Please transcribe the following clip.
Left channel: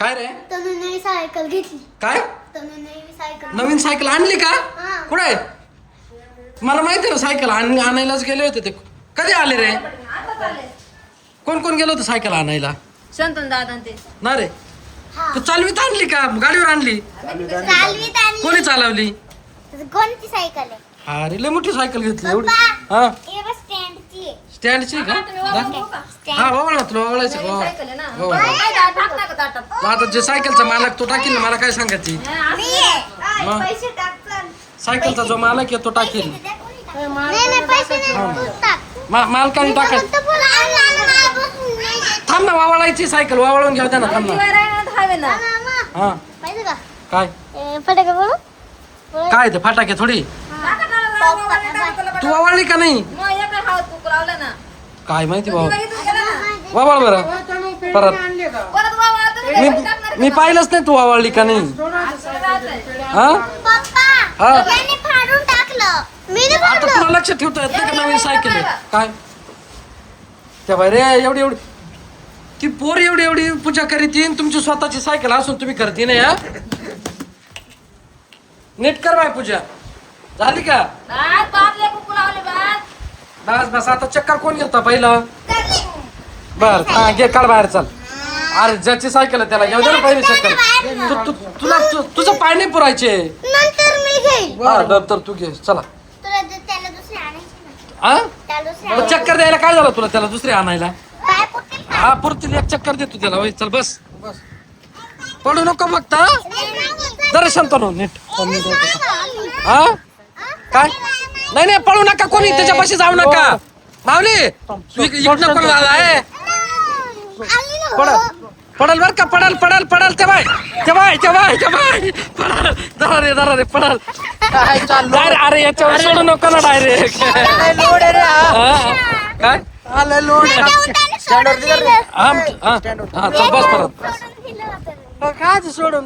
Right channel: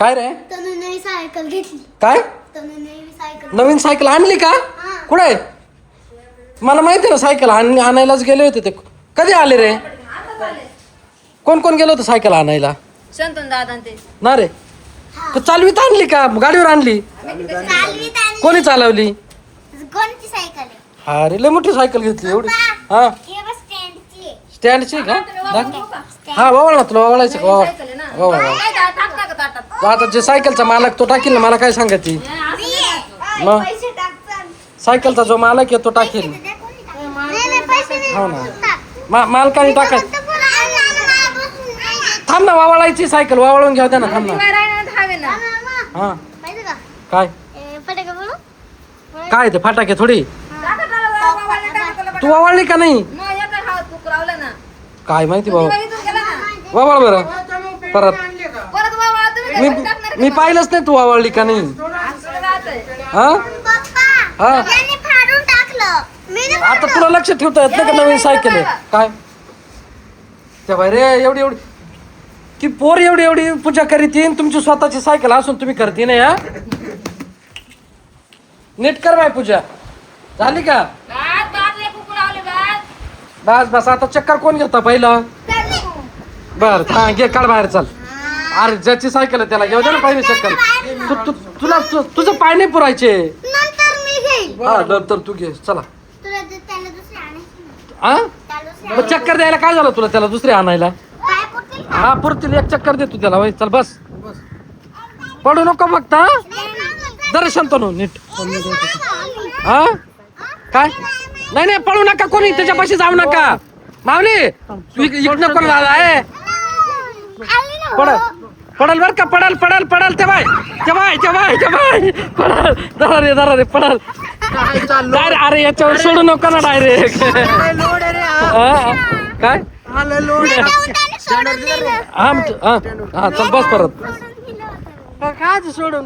काय रे नवी सायकल घेतली. काय नवीन सायकल आणली का कुठे मला माहिती ना सायकल आणायलाच गेले होते ते कधी आले रे कोण कोण गेलो होतं सायकल आणायला शंतन दादा ते ना रे तू चालवीत आणली का गाडीवर आणली कोणी चालवली कोणती सायकल आहे? हा रे लय मोठी सायकल घेतली एवढी हा स्टँडची आहे. स्टँडची का दाखव. हा वावळ ना तुला वावळायचं का वावळ तो आता जे सायकलचा मालक तो टाकील ना मला काय सांगायची मग पैसे टाकचाल. सायकलचा जो मालक आहे तो टाकील नाही, पैसे नाही. हो ना मालकाने टाकाय थांब ना वावळायची सायकल वावळून घ्या ना थांब ना हा माहिती का? काय फटाके बोलू? काय ते फटाके थोडी तू वावळली का नाही काय माहिती बाबा वावळ बरं परत मी पाहिलंच नाही तू वावळली का नाही हा पप्पा, हा यांनी फाडून टाकलं. मी नाही आता तुला लक्ष ठेवता येत नाही का नवीन सायकल आहे काय त्या बाई रे एवढी एवढी ती पोर एवढी एवढी पूजा करीतीन तुमची स्वतःची सायकल असून तुम्ही करते नाही हा नीट कर बाय पूजा झाली का बस बस आता चक्कर कोण घेता पहिलं बर हा घे काढ बाहेर चल अरे ज्याची सायकल आहे त्याला घेऊ दे ना पहिली चक्कर तुझं पाय नाही पुरायचे नंतर मी घेईन. हा नंतर तू घे चला त्याला दुसरी आणायची ना. हा त्याला दुसरी मग चक्कर द्यायला काय झालं तुला त्याला दुसरी आणायला पाय पुरतील. हा पुरतील एक चक्कर दे तू त्याला वय चल बस पडू नको फक्त हा जरा शांत हो नीट हा काय नाही नाही पळू नका कोणी त्याच्यापाशी जाऊ नका माऊली इकडनं कोण आला आहे आली ना. पडल पडल बर का पडल पडल पडल ते बाय पडल रे पडल काय अरे याच्यावर सोडू नको ना डायरेक्ट काय हा चल बस परत सोडून दिलं होतं. काय सोडून तुला